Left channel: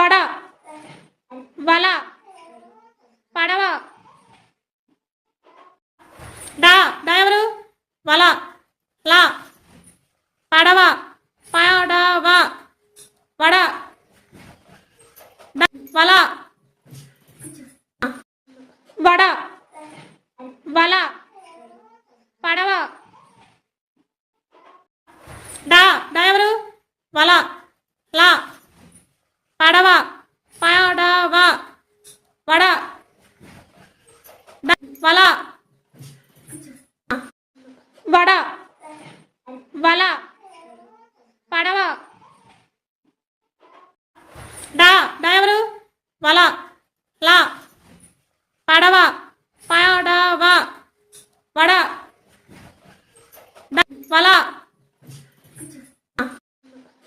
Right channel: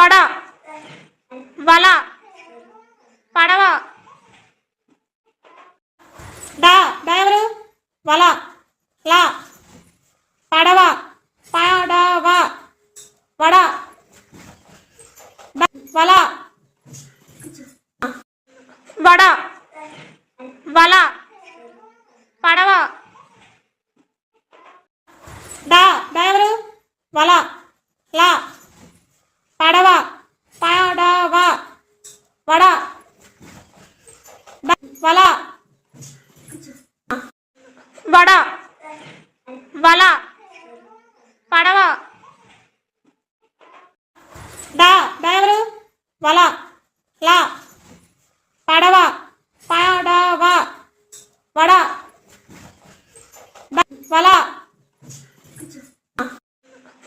వడ వల పడవ డా డా ఎవరు వల లా పడవ పడవ వడ వల వడ వల పడవ డా డా ఎవరు వల లా పడవ పడవ వడ వల వడ వల పడవ డా డా ఎవరు వల లా పడవ పడవ వడ వల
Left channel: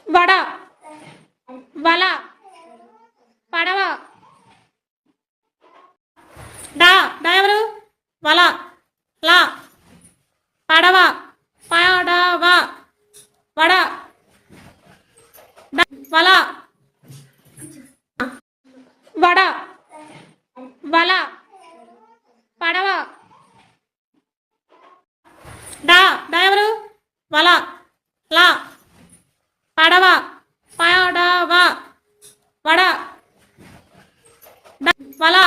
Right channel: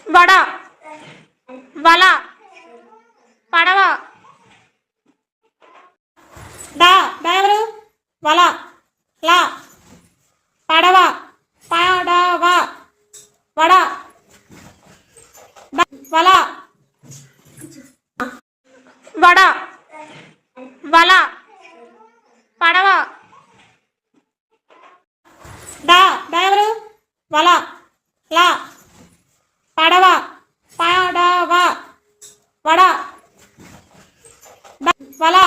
వడ వల పడవ డా డా ఎవరు వల లా పడవ పడవ వడ వల వడ వల పడవ డా డా ఎవరు వల లా పడవ పడవ వడ వల